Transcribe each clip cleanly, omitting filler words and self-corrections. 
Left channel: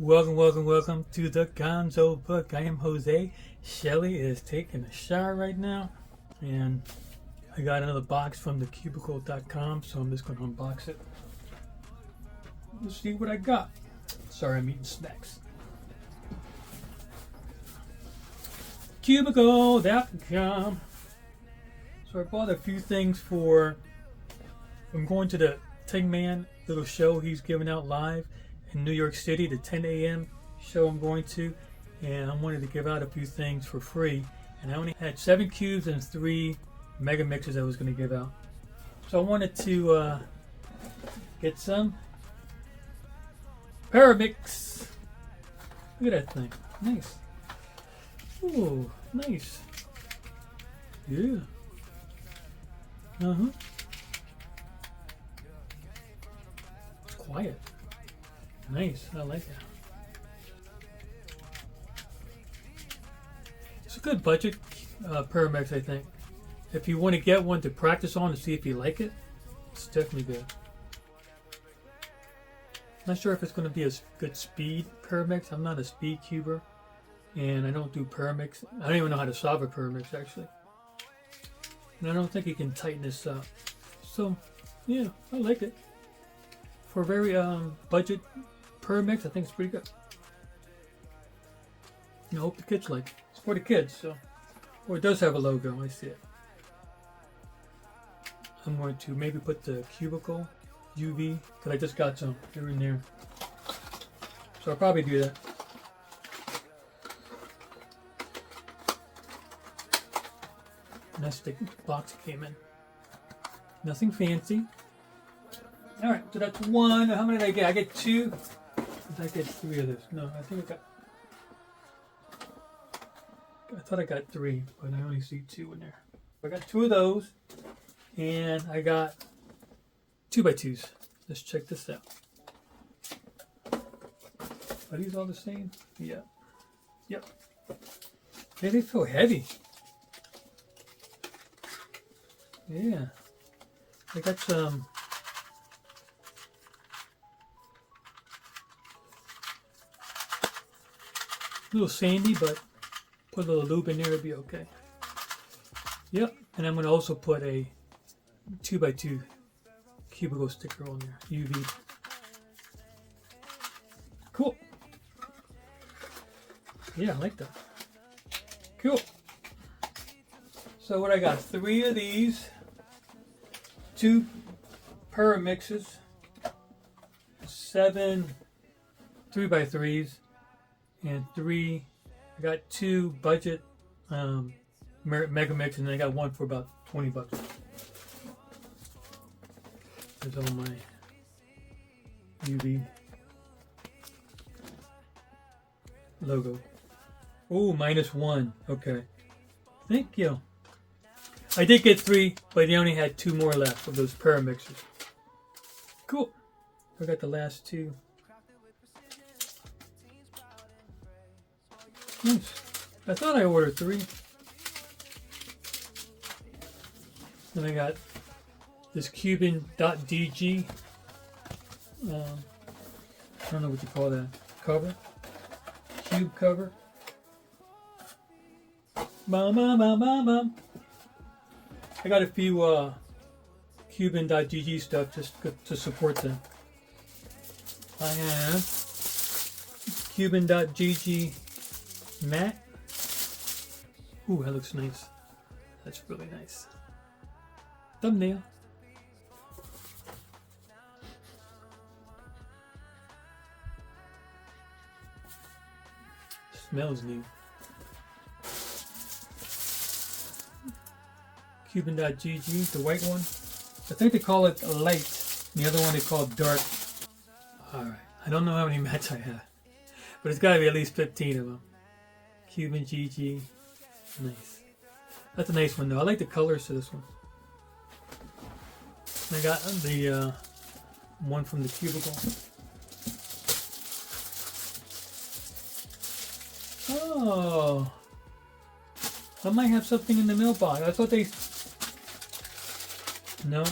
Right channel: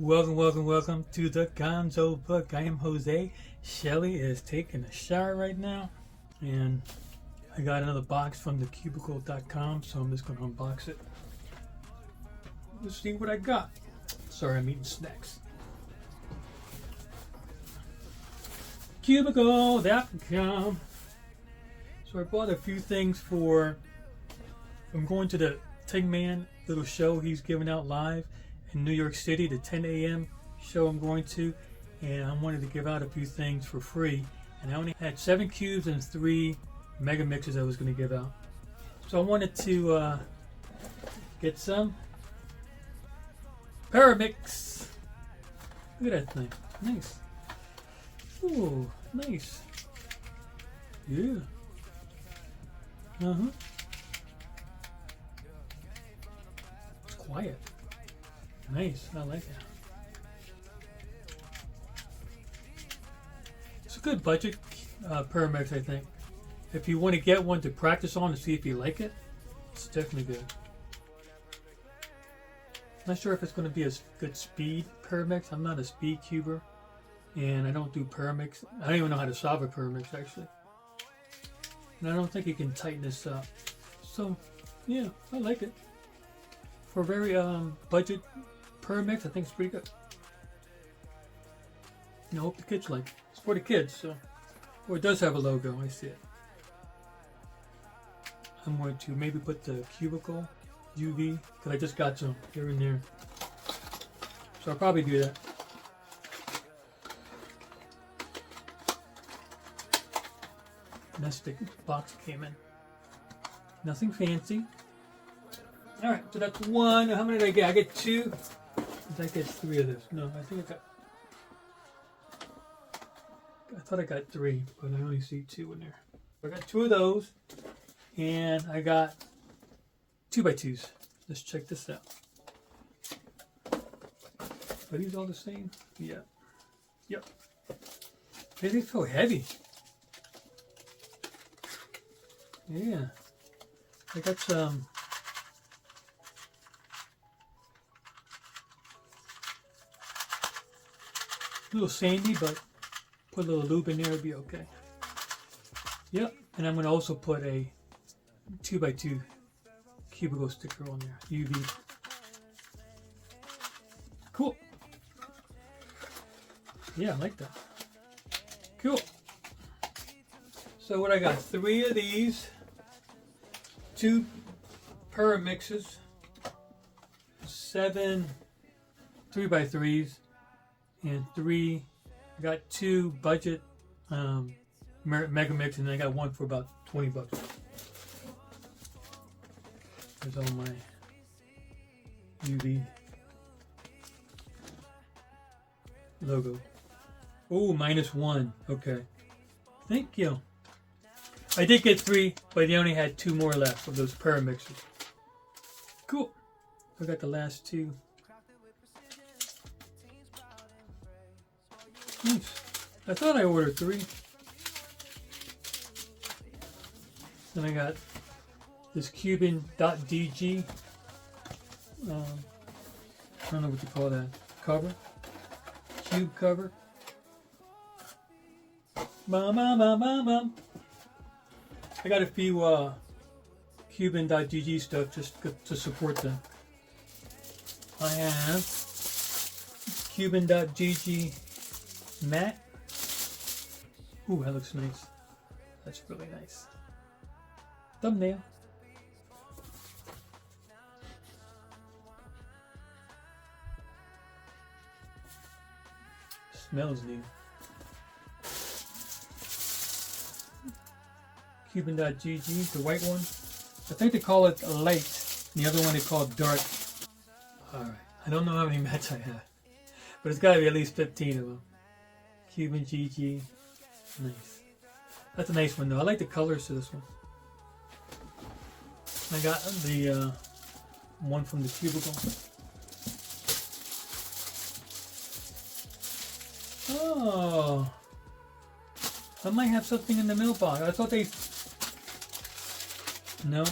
Welcome to the Gonzo Book. I am Jose. Shelly is taking a shower right now, and I got another box from thecubicle.com, so I'm just going to unbox it. Let's see what I got. Sorry, I'm eating snacks. Cubicle.com. So I bought a few things for. I'm going to the Tin Man little show he's giving out live in New York City, the 10 a.m. show I'm going to, and I wanted to give out a few things for free. And I only had 7 cubes and 3 mega mixes I was going to give out. So I wanted to get some Pyraminx. Look at that thing. Nice. Ooh, nice. Yeah. It's quiet. Nice. I like that. It's a good budget Pyraminx, I think. If you want to get one to practice on and see if you like it, it's definitely good. Not sure if it's going to be a good speed Pyraminx. I'm not a speed cuber, and I don't do Pyraminx. I don't even know how to solve a Pyraminx actually. And I don't think it can tighten this up. So, yeah, I like it. For a very budget Pyraminx, I think it's pretty good. I hope the kids like it. It's for the kids, so. Or it does have a logo, I see it. I'm going to maybe put the Cubicle UV, and I just got some here and there. So I'll probably do that. That's the box it came in. Nothing fancy. Alright, so that's one. How many did I get? I get 2. Did I get 3 of those? No, I think I thought I got 3, but I only see 2 in there. I got 2 of those, and I got 2x2s. Let's check this out. Are these all the same? Yeah. Yep. Man, they feel heavy. Yeah. I got some. A little sandy, but put a little lube in there, it'd be okay. Yep, and I'm going to also put a 2x2 cubicle sticker on there, UV. Cool. Yeah, I like that. Cool. So what I got, 3 of these, 2 Pyraminxes, 7 3x3s, and 3. I got 2 budget mega mix, and I got 1 for about $20. Here's all my UV logo. Oh, -1. Okay. Thank you. I did get 3, but you only had 2 more left of those Pyraminxes. Cool. I got the last 2. Nice. I thought I ordered 3. Then I got this Cuban.dg. I don't know what you call that. Cover. Cube cover. I got a few Cuban.gg stuff just to support them. I have Cuban.gg mat. Ooh, that looks nice. That's really nice. Thumbnail. Smells new. Cuban.gg, the white one. I think they call it light. The other one they call dark. Alright, I don't know how many mats I have, but it's got to be at least 15 of them. Cuban GG. Nice. That's a nice one though. I like the colors to this one. I got the one from the Cubicle. Oh. I might have something in the mailbox. I thought they... No.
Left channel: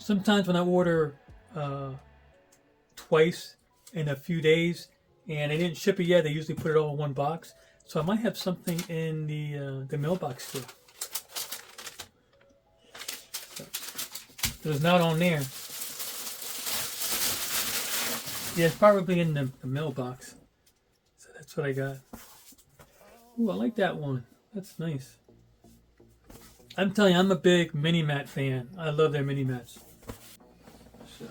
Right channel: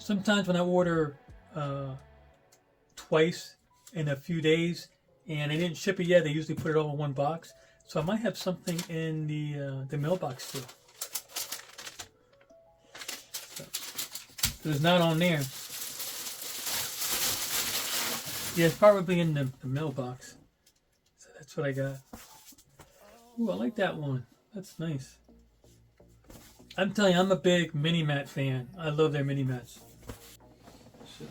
Sometimes when I order twice, in a few days, and they didn't ship it yet. They usually put it all in one box, so I might have something in the mailbox still. It was not on there. Yeah, it's probably in the mailbox. So that's what I got. Ooh, I like that one. That's nice. I'm telling you, I'm a big mini mat fan. I love their mini mats. So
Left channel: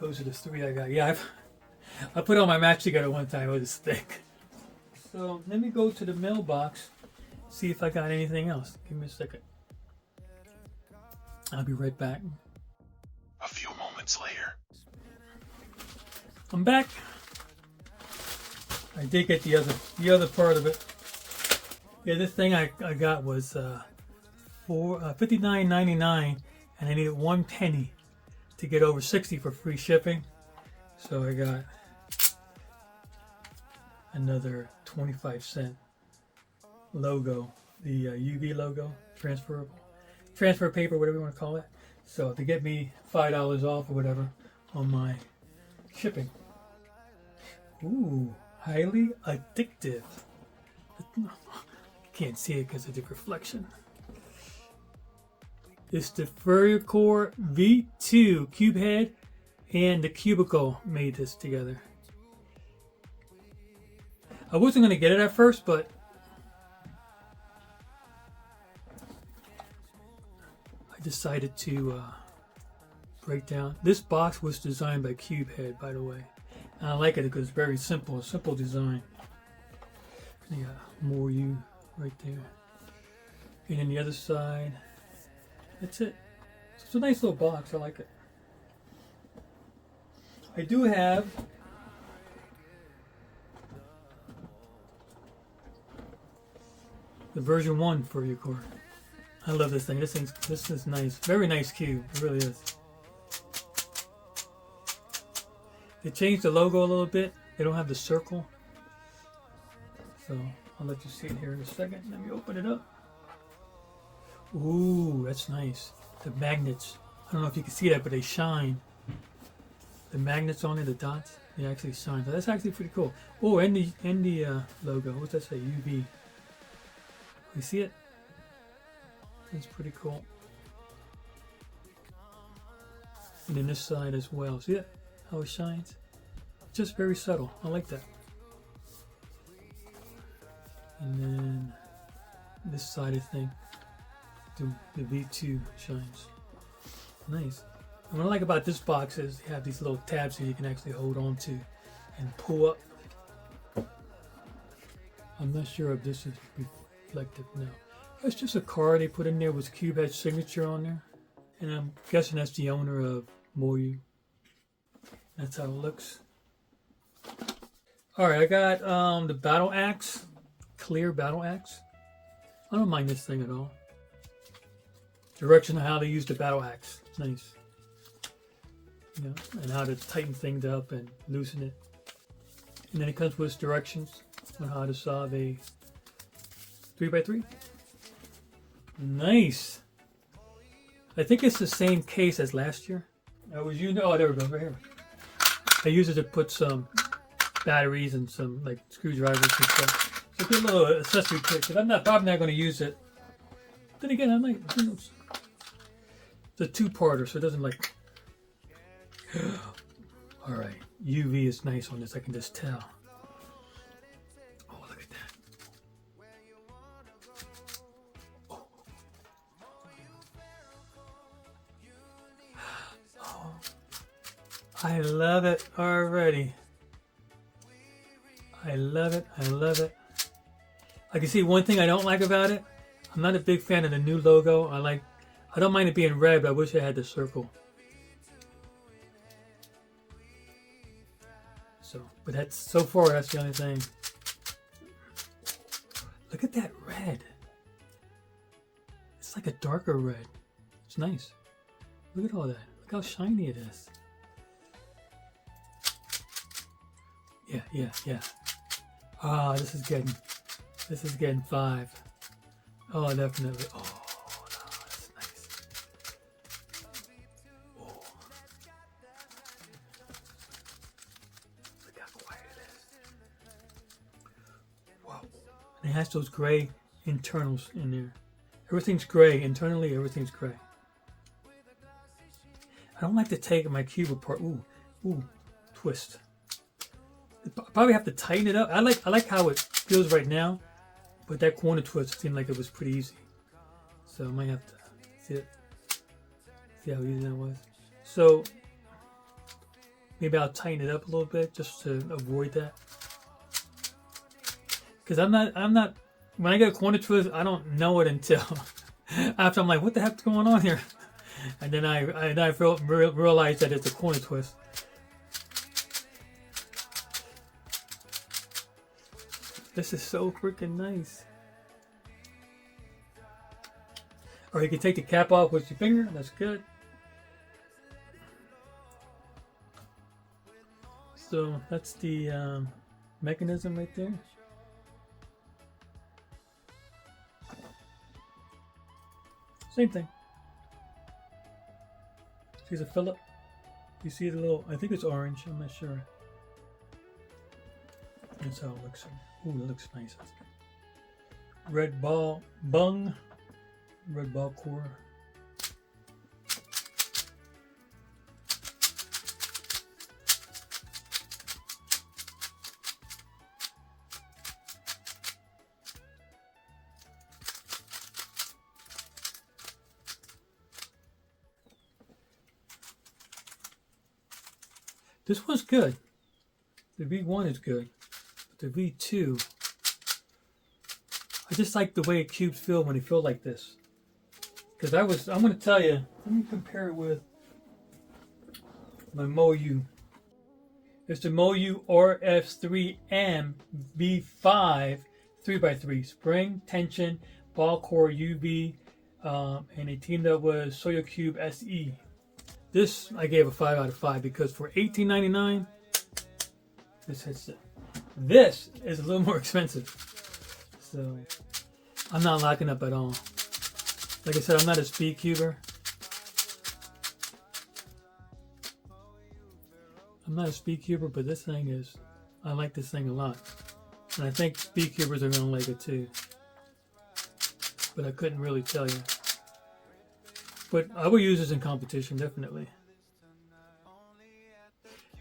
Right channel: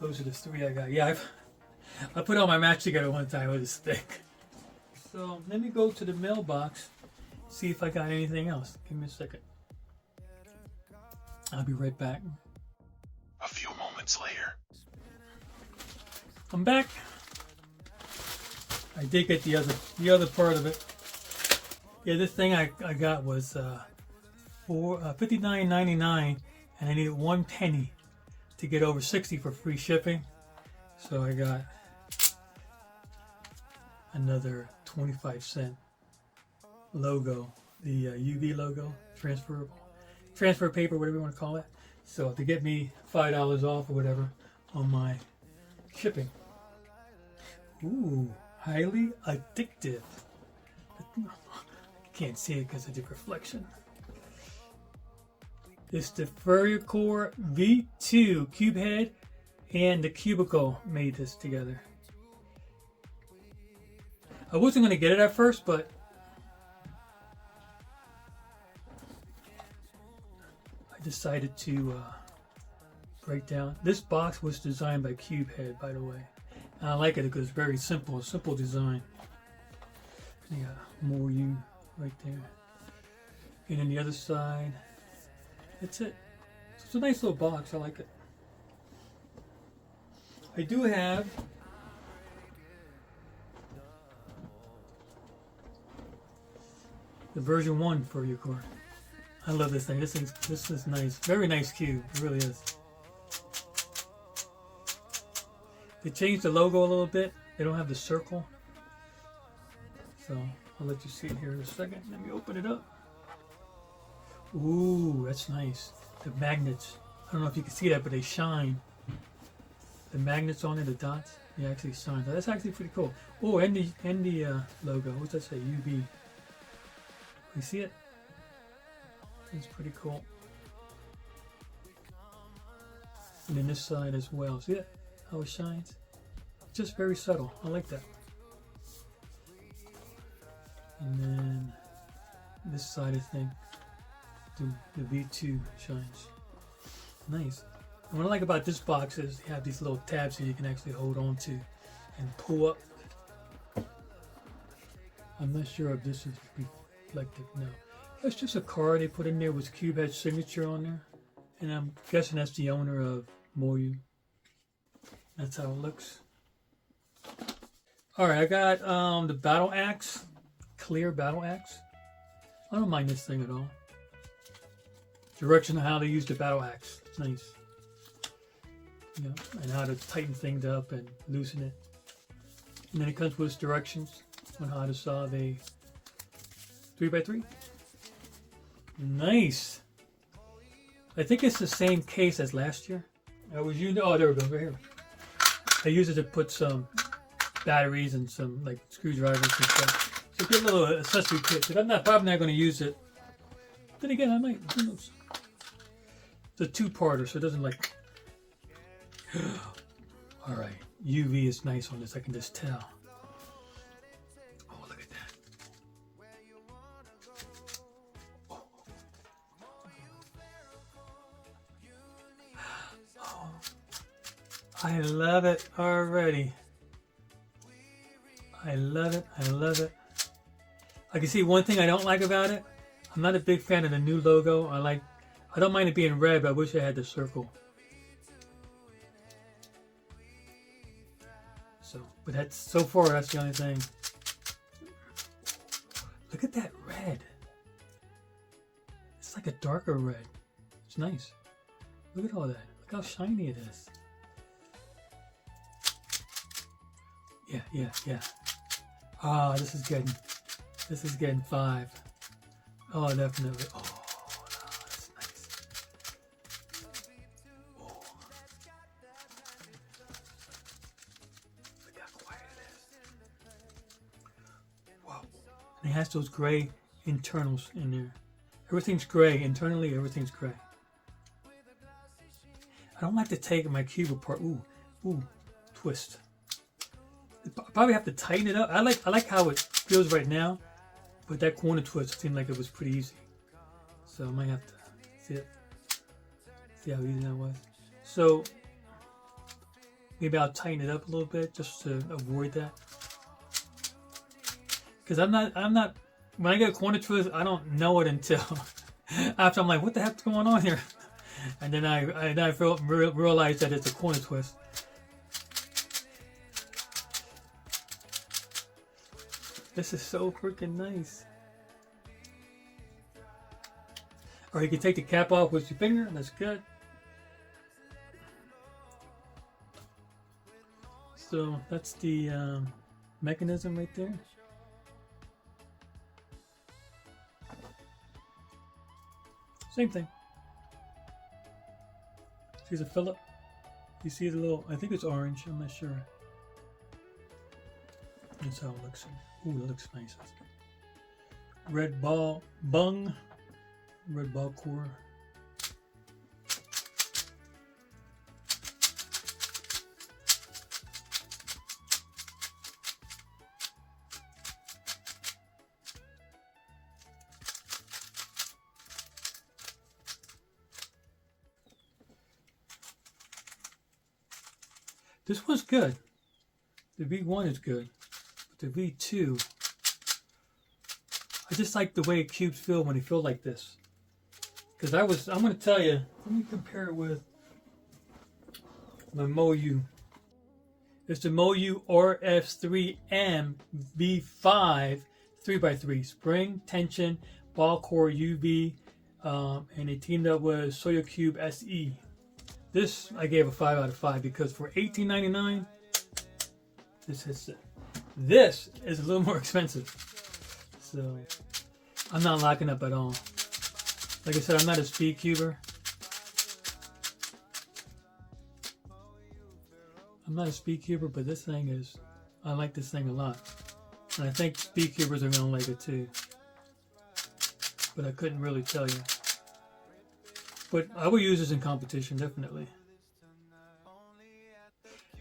those are the 3 I got. Yeah, I put all my mats together one time with a stick. So let me go to the mailbox, see if I got anything else. Give me a second. I'll be right back. A few moments later. I'm back. I did get the other part of it. Yeah, this thing I got was $59.99, and I needed 1 penny to get over 60 for free shipping. So I got another 25-cent logo, the UV logo, transfer paper, whatever you want to call it. So to get me $5 off or whatever on my shipping. Ooh, highly addictive. Can't see it because of the reflection. It's the Ferrocore V2 cube head, and the cubicle made this together. I wasn't going to get it at first, but I decided to break down. This box was designed by Cubehead, by the way. And I like it because it's very simple, design. You got MoYu right there, and then the other side, that's it. So it's a nice little box. I like it. I do have the version 1 Ferrocore. I love this thing. This is nice. Very nice cube. It really is. They changed the logo a little bit. They don't have the circle. So I'll let you see it here in a second. Let me open it up. Ooh, that's nice. The magnets. I don't know if you can see that, but they shine. The magnets on it, the dots, they actually shine. So that's actually pretty cool. Oh, and the logo. What's that say? UV. You see it? It's pretty cool. And then this side as well. See it? How it shines? Just very subtle. I like that. And then this side, I think, the V2 shines. Nice. And what I like about this box is you have these little tabs that you can actually hold on to and pull up. I'm not sure if this is reflective now. It's just a card they put in there with Cubehead's signature on there. And I'm guessing that's the owner of MoYu. That's how it looks. Alright, I got the battle axe. Clear battle axe. I don't mind this thing at all. Direction of how to use the battle axe. It's nice. Yeah, and how to tighten things up and loosen it. And then it comes with directions on how to solve a 3x3. Nice. I think it's the same case as last year. I was using, oh, there we go, right here. I use it to put some batteries and some like screwdrivers and stuff. So get a little accessory kit. But I'm probably not going to use it. Then again, I might. Who knows? It's a two-parter, so it doesn't like. All right, UV is nice on this. I can just tell. Oh, look at that. Oh. I love it already. I love it. I love it. I can see one thing I don't like about it. I'm not a big fan of the new logo. I don't mind it being red, but I wish it had the circle. So, but so far that's the only thing. Look at that red. It's like a darker red. It's nice. Look at all that. Look how shiny it is. Yeah. Ah, this is getting 5. Oh, definitely. Oh, that's nice. Oh. It has those gray internals in there. Everything's gray. Internally, everything's gray. I don't like to take my cube apart. Ooh, twist. I probably have to tighten it up. I like how it feels right now, but that corner twist seemed like it was pretty easy. So I might have to see how easy that was. So maybe I'll tighten it up a little bit just to avoid that. Because I'm not. When I get a corner twist, I don't know it until after I'm like, what the heck's going on here? And then I realize that it's a corner twist. This is so freaking nice. Or you can take the cap off with your finger. That's good. So that's the mechanism right there. Same thing. See the Phillip? You see the little, I think it's orange, I'm not sure. That's how it looks. Ooh, it looks nice. Red ball bung. Red ball core. This was good. The V1 is good. But the V2, I just like the way cubes feel when they feel like this. Because I'm going to tell you, let me compare it with my MoYu. It's the MoYu RS3M V5 3x3 spring tension ball core UV, and they teamed up with Soya Cube SE. This I gave a 5 out of 5 because for $18.99, this hits it. This is a little more expensive, so I'm not locking up at all. Like I said, I'm not a speed cuber. But this thing is, I like this thing a lot. And I think speed cubers are gonna like it too. But I couldn't really tell you. But I will use this in competition, definitely.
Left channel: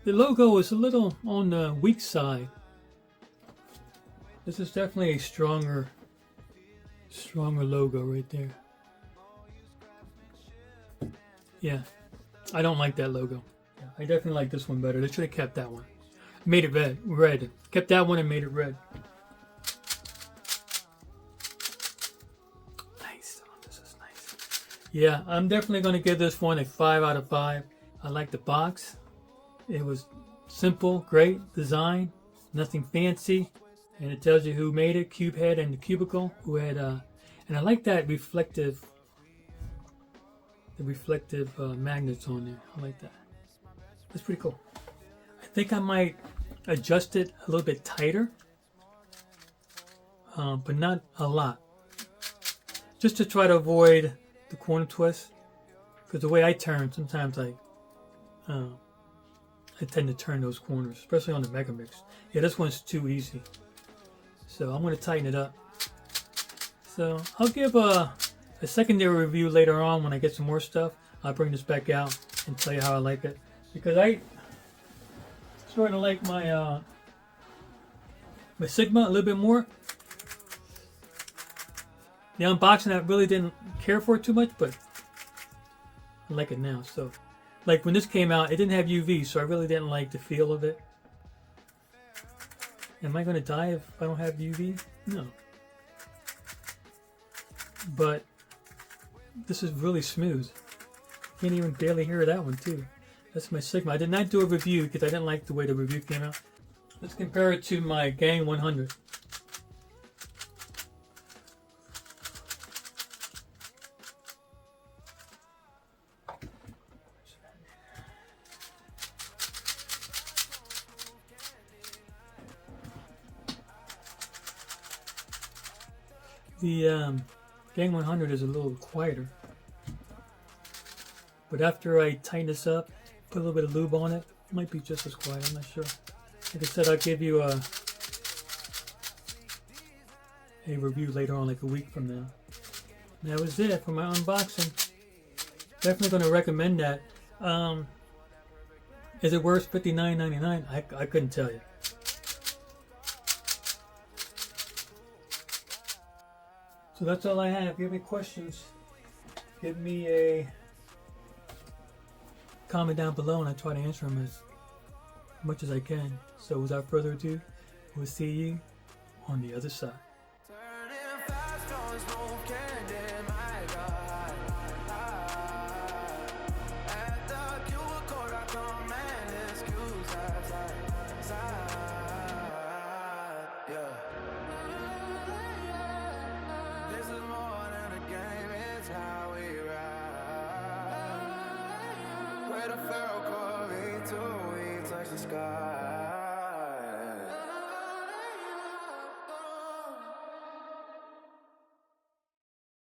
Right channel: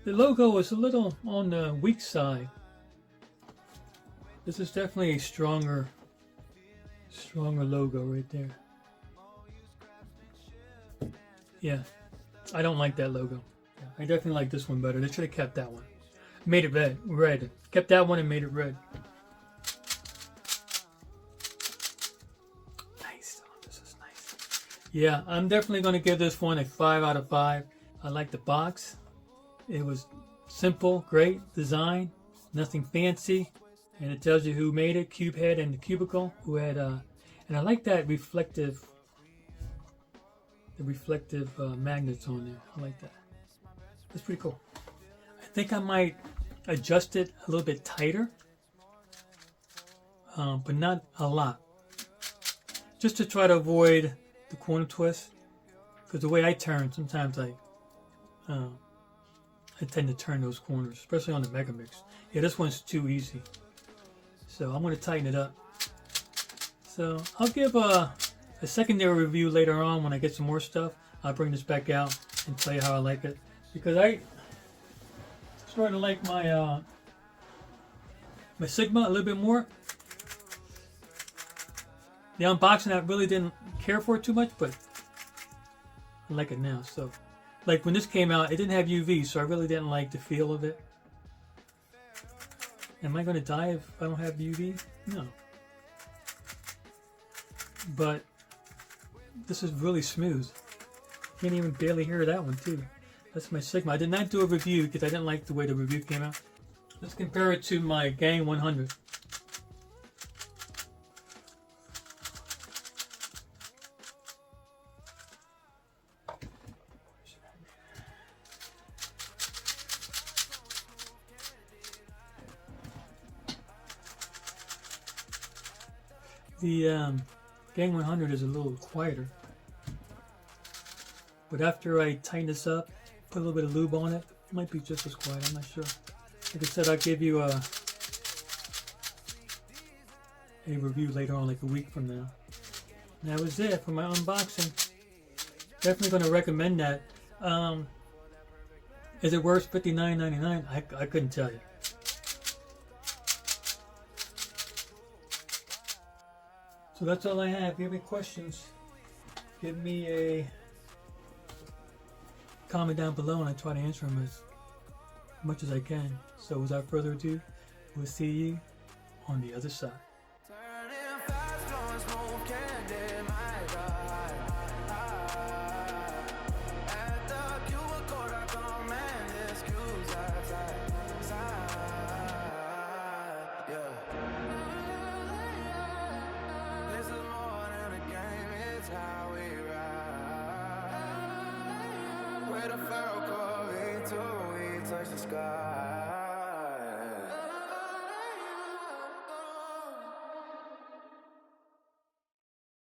The logo is a little on the weak side. This is definitely a stronger logo right there. Yeah, I don't like that logo. I definitely like this one better. They should have kept that one. Made it red. Kept that one and made it red. Nice. Oh, this is nice. Yeah, I'm definitely going to give this one a 5 out of 5. I like the box. It was simple, great design, nothing fancy. And it tells you who made it, Cubehead and the Cubicle, who had, and I like that reflective magnets on there. I like that. That's pretty cool. I think I might adjust it a little bit tighter, but not a lot. Just to try to avoid the corner twist. Because the way I turn, sometimes I tend to turn those corners, especially on the Megamix. Yeah, this one's too easy. So I'm going to tighten it up. So I'll give a secondary review later on when I get some more stuff. I'll bring this back out and tell you how I like it. Because I started to like my my Sigma a little bit more. The unboxing I really didn't care for it too much, but I like it now. So, like when this came out, it didn't have UV, so I really didn't like the feel of it. Am I going to die if I don't have UV? No. But this is really smooth. Can't even barely hear that one too. That's my Sigma. I did not do a review because I didn't like the way the review came out. Let's compare it to my Gang 100. The Gang 100 is a little quieter. But after I tighten this up, put a little bit of lube on it, it might be just as quiet, I'm not sure. Like I said, I'll give you a a review later on, like a week from now. And that was it for my unboxing. Definitely going to recommend that. Is it worth $59.99? I couldn't tell you. So that's all I have. If you have any questions, give me a comment down below and I try to answer them as much as I can. So without further ado, we'll see you on the other side. Turning fast, blowing smoke, candy, my God. At the cubicle, I command excuse outside. Yeah. This is more than a game, it's how we ride. With a Ferrocore V2, we touch the sky.